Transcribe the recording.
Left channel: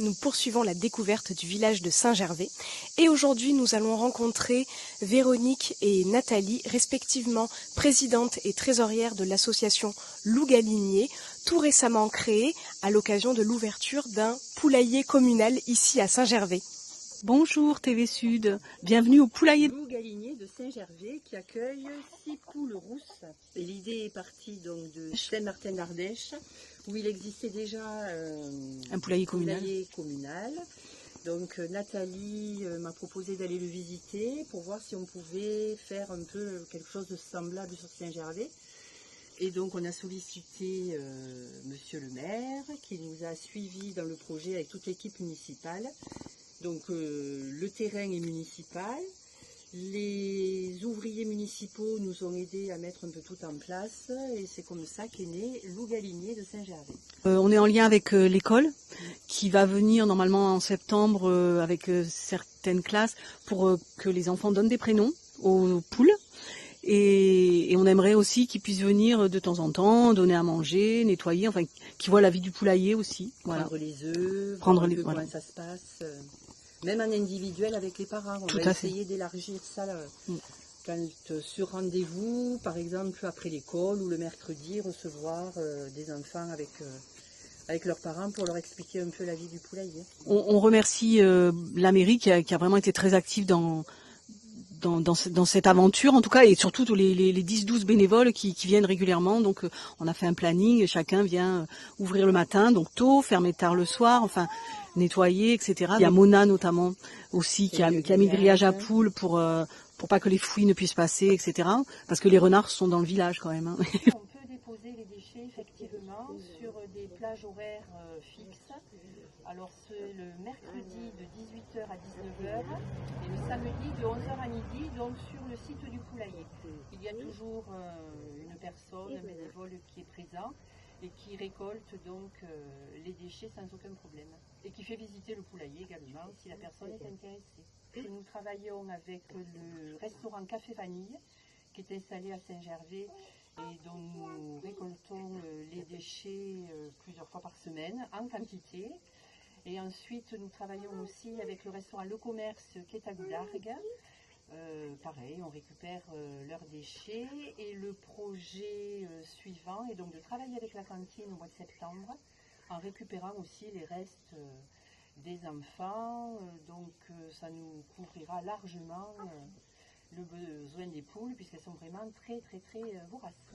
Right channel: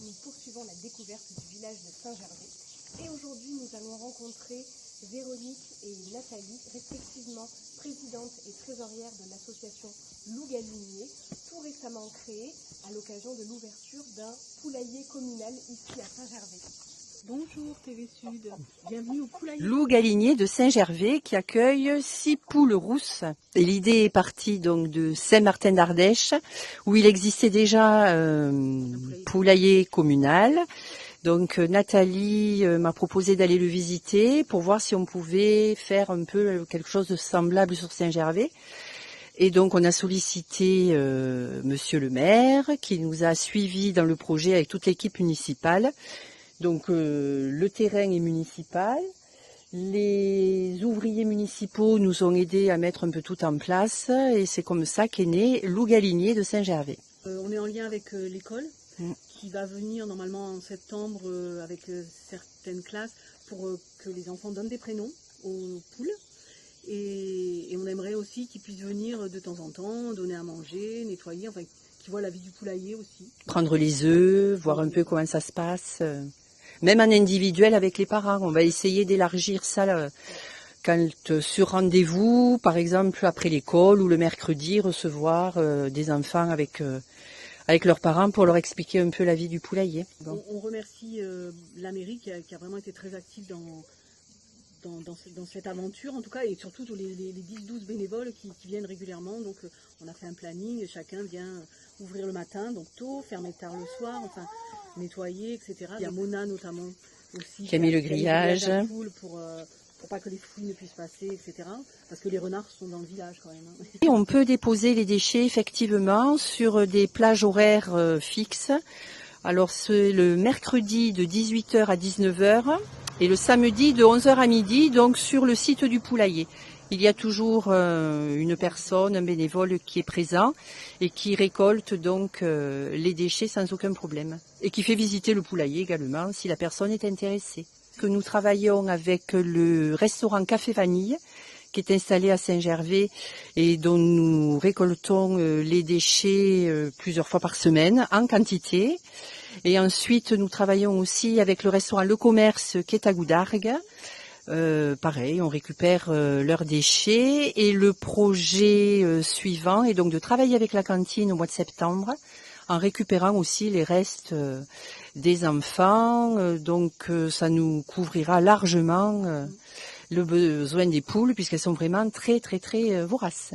nous poursuivons la découverte du village de Saint-Gervais et aujourd'hui nous allons rencontrer Véronique et Nathalie, respectivement présidente et trésorière de l'association Loup Galinier, tout récemment créée à l'occasion de l'ouverture d'un poulailler communal ici à Saint-Gervais. Bonjour TV Sud, bienvenue au poulailler Loup Galinier de Saint-Gervais qui accueille 6 poules rousses. Et l'idée est partie donc de Saint-Martin d'Ardèche où il existait déjà un poulailler communal. Donc Nathalie m'a proposé d'aller le visiter pour voir si on pouvait faire un peu quelque chose de semblable sur Saint-Gervais. Et donc on a sollicité monsieur le maire qui nous a suivis dans le projet avec toute l'équipe municipale. Donc le terrain est municipal, les ouvriers municipaux nous ont aidés à mettre un peu tout en place et c'est comme ça qu'est né Loup Galinier de Saint-Gervais. On est en lien avec l'école qui va venir normalement en septembre avec certaines classes pour que les enfants donnent des prénoms aux poules. Et on aimerait aussi qu'ils puissent venir de temps en temps, donner à manger, nettoyer, enfin qu'ils voient la vie du poulailler aussi. Prendre les œufs, voir un peu comment ça se passe. Même en individuel avec les parents, on va essayer d'élargir ça là, quand sur rendez-vous, par exemple après l'école ou le mercredi, recevoir des enfants avec leurs parents pour leur expliquer un peu la vie du poulailler. On remercie la mairie qui a vraiment été très active dans cette aventure en tout cas, et surtout tous les 10-12 bénévoles qui viennent régulièrement. Donc on a fait un planning, chacun vient ouvrir le matin, donc tôt, fermer tard le soir, enfin nettoyer, etc. Il y a Mona notamment aussi qui a mis le grillage à poules pour pas que les fouilles ne puissent passer, etc. Parce que les renards sont dans le village quand même. Et on peut déposer les déchets effectivement sur des plages horaires fixes. Alors c'est le mercredi de 18h à 19h et le samedi de 11h à midi, donc sur le site du poulailler. Il y a toujours une personne, un bénévole qui est présent et qui récolte donc les déchets sans aucun problème. Et qui fait visiter le poulailler également si la personne est intéressée. Que nous travaillons avec le restaurant Café Vanille qui est installé à Saint-Gervais et dont nous récoltons les déchets plusieurs fois par semaine en quantité. Et ensuite, nous travaillons aussi avec le restaurant Le Commerce qui est à Goudargues. Pareil, on récupère leurs déchets et le projet suivant est donc de travailler avec la cantine au mois de septembre en récupérant aussi les restes des enfants. Donc ça nous couvrira largement le besoin des poules puisqu'elles sont vraiment très voraces.